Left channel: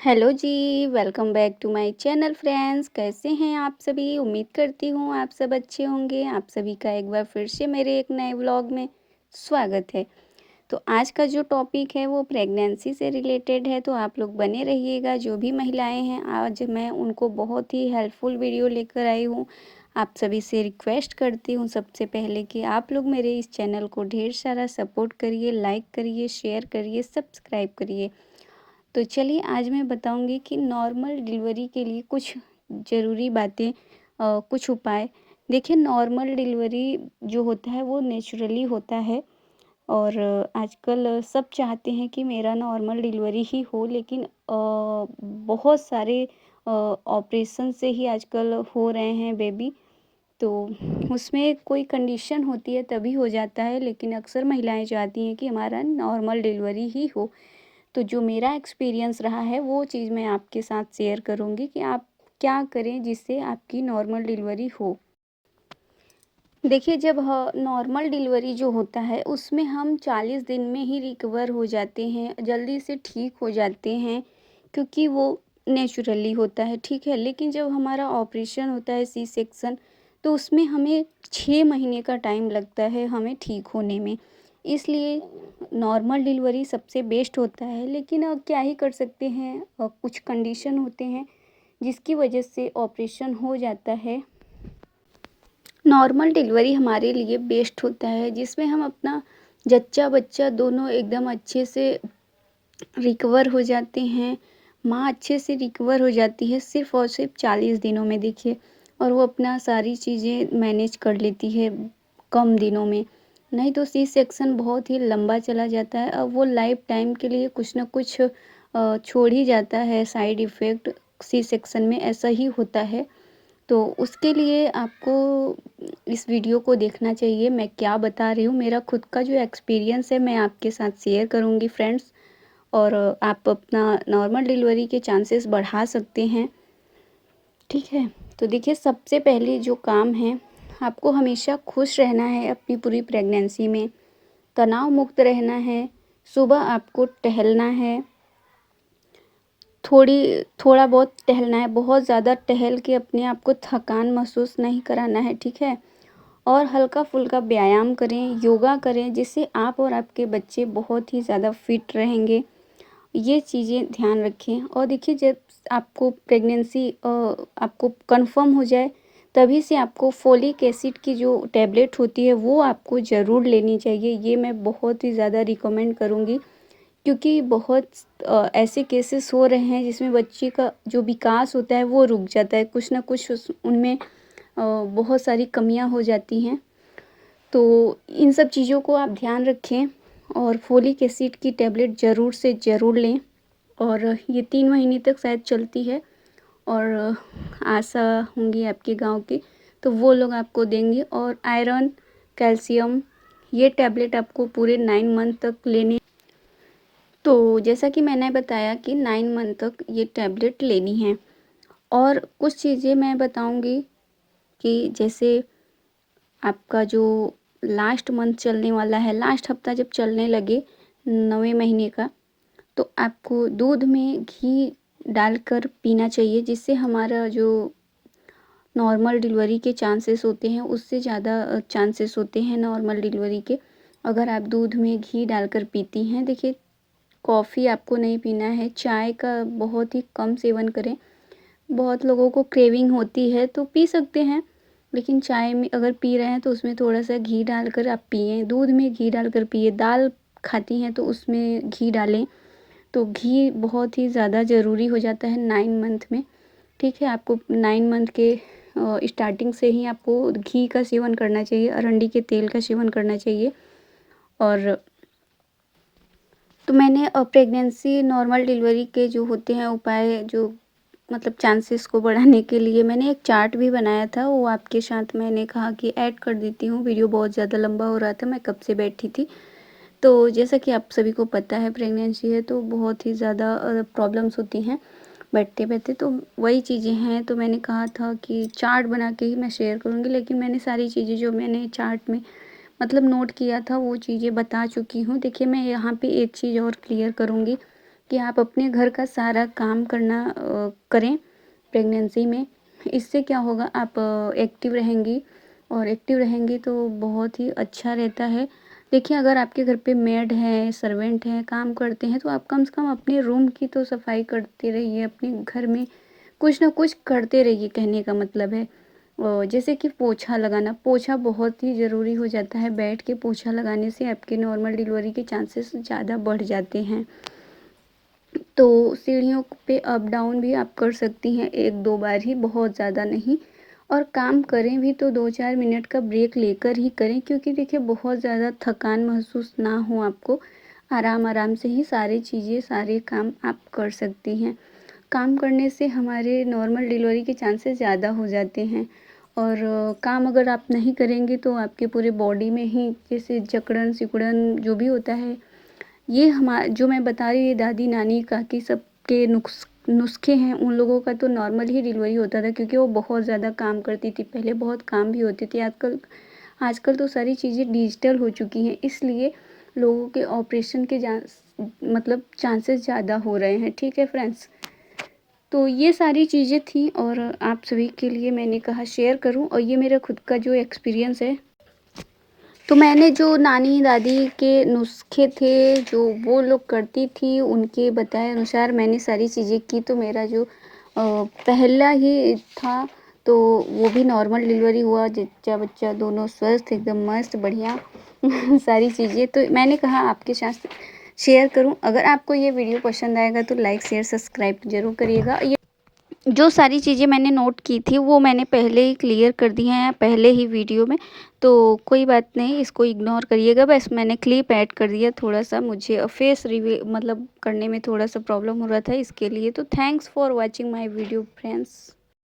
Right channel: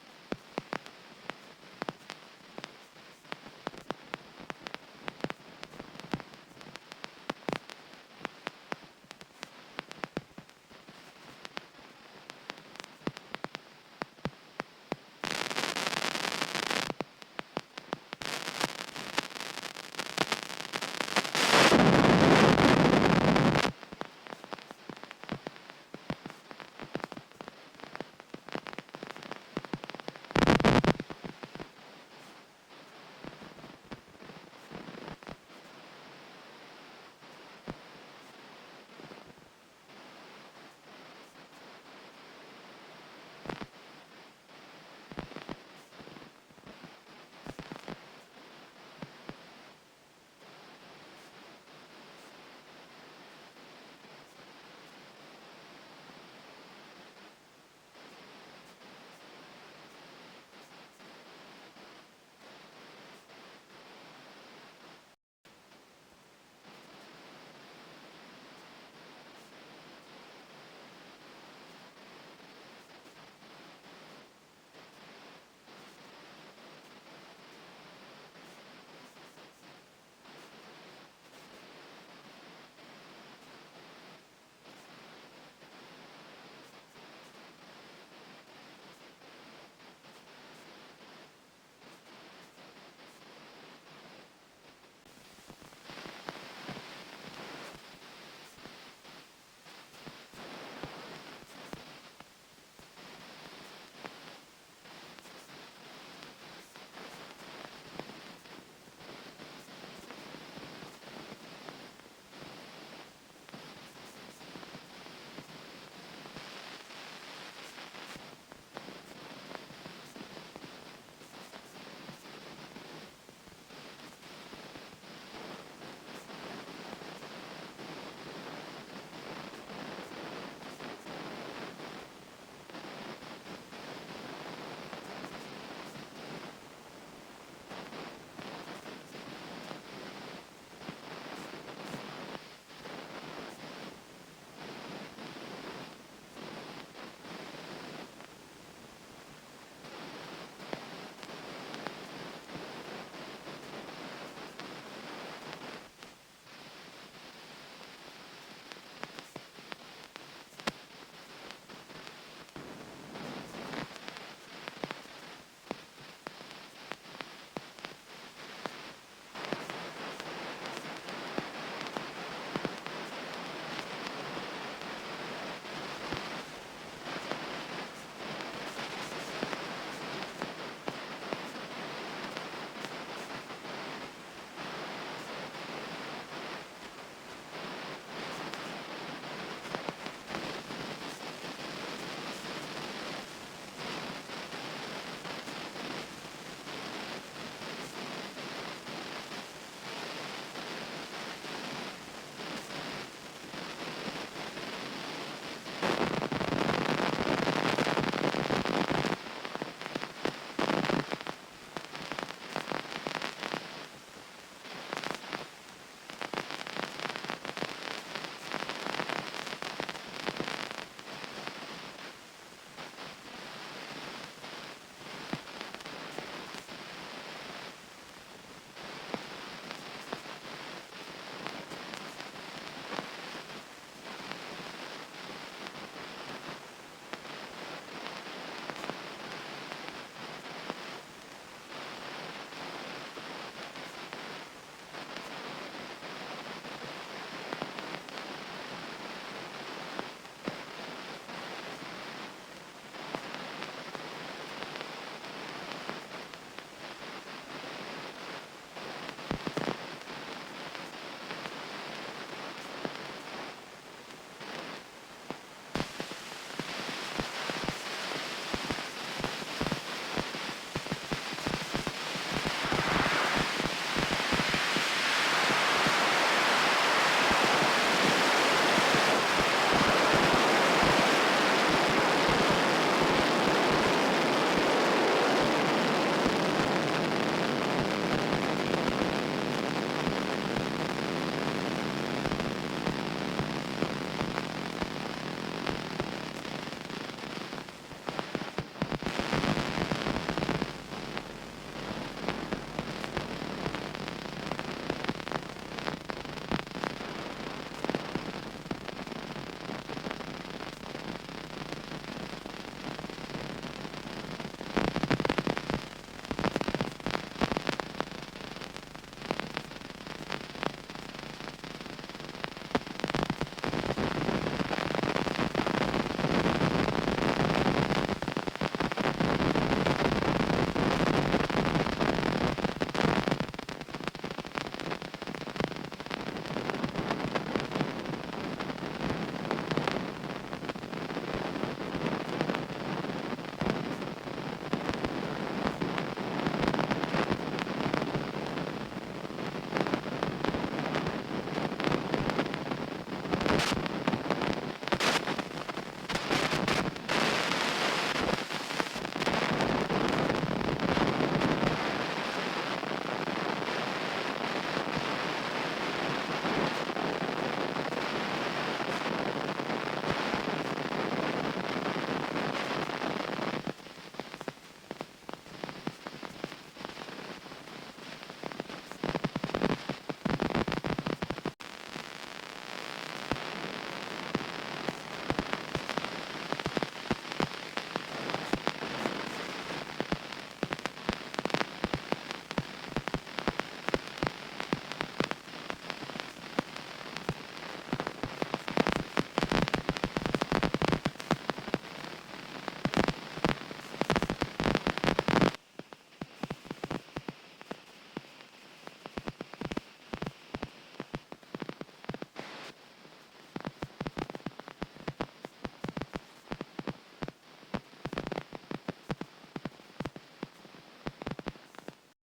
Hello जी, welcome back to my channel friends. कैसे हैं आप सभी? उम्मीद करती हूँ आप सब अच्छे होंगे। आप सभी का एक बार फिर से मेरे एक नए व्लॉग में स्वागत है। तो आज का जो टॉपिक है वो प्रेगनेंसी से रिलेटेड है, तो आप लोग बने रहिएगा। जो भी महिलाएं हैं, आज मैं उनको बहुत ही हेल्पफुल वीडियो लेकर आई हूँ। आप सभी से रिक्वेस्ट करती हूँ सबसे पहले कि आप लोग मेरे इस चैनल को ढेर सारा सपोर्ट करिए, लाइक करिए, शेयर करिए, सब्सक्राइब करिए। तो चलिए आज मैं बताऊंगी कि नॉर्मल डिलीवरी के लिए कुछ ज़रूरी बातें, कुछ उपाय। देखिए, नॉर्मल डिलीवरी जो होता है वो नेचुरली होता है और आजकल सब चाहते हैं कि मेरा नॉर्मल डिलीवरी ही हो, लेकिन बहुत सारे ऑपरेशन से ही आजकल हो रहे हैं बेबी। तो उसमें कोई कंडीशन होती है तभी हो जाता है, लेकिन अक्सर महिलाएं चाहती हैं कि हमारा नॉर्मल डिलीवरी ही हो। तो जो मेरा एक्सपीरियंस रहा है वो चीज़ मैं आपके साथ शेयर करूँगी कि आप क्या करें जिससे आपकी नॉर्मल डिलीवरी हो। देखिए, जब नॉर्मल डिलीवरी जो होता है उसमें हम 40 दिन में ही रिकवर हो जाते हैं, जल्दी से ठीक हो जाते हैं, क्योंकि वो नेचुरली होता है, ठीक है। लेकिन जब हमारा ऑपरेशन होता है सी सेक्शन, तो उसमें हमें 6 महीने का टाइम लगता है हमें ठीक होने में। इसलिए नॉर्मल डिलीवरी सबसे बेस्ट होता है, लेकिन अब क्या ही कर सकते हैं, कुछ कंडीशन होते हैं जिसकी वजह से ऑपरेशन हो जाता है। नॉर्मल डिलीवरी हमारे लिए बेस्ट होता है, जिसमें हम अपना जच्चा बच्चा दोनों एकदम अच्छे से रिकवर हो जाते हैं। माँ अच्छे से रिकवर हो जाती है सिर्फ़ और सिर्फ 40 दिनों में, देखिए। और वो अपना सारी चीज़ें मैनेज कर लेती है कम दिनों में। नहीं तो सी सेक्शन बहुत ही लंबा चला जाता है, अब वो लाइफ टाइम के लिए कुछ ना कुछ छोड़ ही जाता है साइड इफ़ेक्ट। सी सेक्शन में ऐसा ही होता है। तो उसके लिए आपको इस वीडियो को देखना चाहिए। मैं क्या बता रही हूँ, मेरा खुद का जो एक्सपीरियंस है मैं आपके साथ शेयर करूँगी फ्रेंड्स। और आप अपना नॉर्मल डिलीवरी के चांसेस बढ़ा सकते हैं, ठीक है। तो देखिए, सबसे पहले जो काम है, आपको हमेशा खुश रहना है अपनी पूरी प्रेगनेंसी में, तनाव मुक्त रहना है। सुबह आपको टहलना है, थोड़ा बहुत टहलना है, बहुत ज़्यादा टहल के अपने आप को थकान महसूस नहीं कराना है, ठीक है। और हल्का फुल्का व्यायाम करें, योगा करें, जिससे आप और आपके बच्चे बहुत ही ज़्यादा फिट रहेंगे। ये चीज़ें ध्यान रखें। और देखिए, जब आपको प्रेगनेंसी आपको कंफर्म हो जाए, तभी से आपको फोलिक एसिड की जो टैबलेट होती है वो आपको ज़रूर लेनी चाहिए। ये मैं बहुत ही ज़्यादा रिकमेंड करूँगी, क्योंकि बहुत ऐसे केसेस हो रहे हैं जिसमें बच्चे का जो विकास होता है वो रुक जाता है, कुछ ना कुछ उनमें बहुत सारी कमियां हो जाती हैं। तो इन सब चीज़ों को आप ध्यान रखें और फोलिक एसिड की टैबलेट ज़रूर से ज़रूर लें। और ये 3 महीने तक शायद चलती है, और आशा होंगी आपके गांव की, तो वो लोग आपको देंगे। और आयरन, कैल्शियम, ये टैबलेट आपको पूरे 9 मंथ तक लेनी। तो जैसा कि मैंने बताया कि 9 मंथ तक ये टैबलेट लेनी है। और कुछ चीज़ें मैं बताऊंगी कि जैसे आपका जो लास्ट मंथ चलने वाला है, लास्ट हफ्ता जब चलने लगे 9वें महीने का, तो आपको दूध में घी डालकर पीना चाहिए, जिससे हमारा जो नॉर्मल डिलीवरी के चांसेस होते हैं उससे ज़्यादा चांसेस होते हैं नॉर्मल डिलीवरी के, अगर आप दूध में घी डालकर पीती हैं। देखिए, कॉफ़ी आपको नहीं पीना है, चाय का बहुत ही कम सेवन करें। बहुत लोगों को क्रेविंग होती है तो पी सकते हैं, लेकिन चाय में अगर पी रहे हैं तो उसमें थोड़ा सा घी डालकर आप पिएं, दूध में घी डालकर पिए। दाल खाती हैं तो उसमें घी डालें। तो घी बहुत ही ज़्यादा ज़रूरी हो जाता है 9 मंथ में, ठीक है। आपको 9 मंथ के स्टार्टिंग से ही आपको घी का सेवन करना चाहिए, अरंडी के तेल का सेवन करना चाहिए। और तो मैंने प्रेगनेंसी नॉर्मल डिलीवरी के जो होते हैं उपाय, जो मतलब चांसेस को बढ़ाने के लिए मैंने एक चार्ट भी बनाया था, वो आपके साथ मैंने कहा कि ऐड कर देती हूँ। वीडियो बहुत ज़्यादा लंबा हो रहा था, मैं कब के बैठी थी। तो जैसा कि आप सभी को पता है, प्रेगनेंसी हो तो बहुत ही ज़्यादा प्रॉब्लम्स होती हैं बैठते बैठते, तो वही चीज़ें हैं। तो मैंने कहा था कि चार्ट बना के ही मैं शेयर करूँगी, लेकिन मैंने सारी चीज़ें जो मैंने चार्ट में मतलब नोट किया था वो चीज़ें बता चुकी हूँ। देखिए, मैं यहाँ पे एक चीज़ और क्लियर करूँगी कि आप अपने घर का सारा काम करें प्रेगनेंसी में। इससे क्या होगा, आप एक्टिव रहेंगी, और एक्टिव रहेंगी तो बहुत ही अच्छा रहता है। देखिए, अगर आपके घर पे मेड है, सर्वेंट हैं, काम करते हैं, तो आप कम से कम अपने रूम की तो सफाई करते रहिए, अपने घर में कुछ ना कुछ करते रहिए, कहने का मतलब है। जैसे कि पोछा लगाना, पोछा बहुत ही ज़रूरी हो जाता है। बैठ के पोछा लगाने से आपकी नॉर्मल डिलीवरी के चांसेस ज़्यादा बढ़ जाते हैं। तो सीढ़ियों पे अप डाउन भी आप कर सकती हैं, 1-2 बार ही, बहुत ज़्यादा नहीं। और काम करें भी तो 2-4 मिनट का ब्रेक लेकर ही करें, क्योंकि देखिए बहुत ज़्यादा थकान महसूस ना हो आपको। आराम आराम से ही सारी चीज़ें, सारे काम आप कर सकती हैं। काम करने से हमारे नॉर्मल डिलीवरी के चांसेस ज़्यादा हो जाते हैं। और काम अगर आप नहीं करेंगे तो आपके पूरे बॉडी में ही जैसे जकड़न सिकुड़न जो भी होता है, ये जो मैं बता रही हूँ, दादी नानी काफ़ी सबके नुस्खे हैं। उन लोगों का तो नॉर्मल ही डिलीवरी होता था, क्योंकि वो बहुत ज़्यादा काम करती थी। पहले बहुत काम भी होती थी। आजकल तो सारी चीज़ें डिजिटल हो चुकी हैं, इसलिए लोगों के ऑपरेशन के मतलब चांसेस ज़्यादा हो रहे हैं। ठीक है फ्रेंड्स, तो ये सारी चीज़ें थी और आप सभी के लिए मैंने कहा शेयर करूं। और ये मेरा खुद का जो एक्सपीरियंस है, तो मैंने जो नानी दादी के नुस्खे थे जो वो लोग करती थी, उनके बताए अनुसार मैंने सारी चीज़ें की, तो मेरा जो पहला ही था, तो वो भी नॉर्मल डिलीवरी हुआ। जच्चा बच्चा दोनों स्वस्थ, एकदम मस्त, बढ़िया सारी चीज़ें तो मैंने कहा आपके साथ शेयर करूं। अगर आपको ये वीडियो पसंद आएगा तो लाइक शेयर सब्सक्राइब ज़रूर करिएगा। जो सारी चीज़ें मैंने नोट की थी वो मैंने पहले ही क्लियर कर दी हैं पहले ही वीडियो में, तो कोई बात नहीं, इसको इग्नोर करिएगा। बस मैंने क्लिप ऐड कर दिया, थोड़ा सा मुझे फेस रिवील मतलब करने में थोड़ा सा प्रॉब्लम हो रहा था इसके लिए। तो thanks for watching my video friends.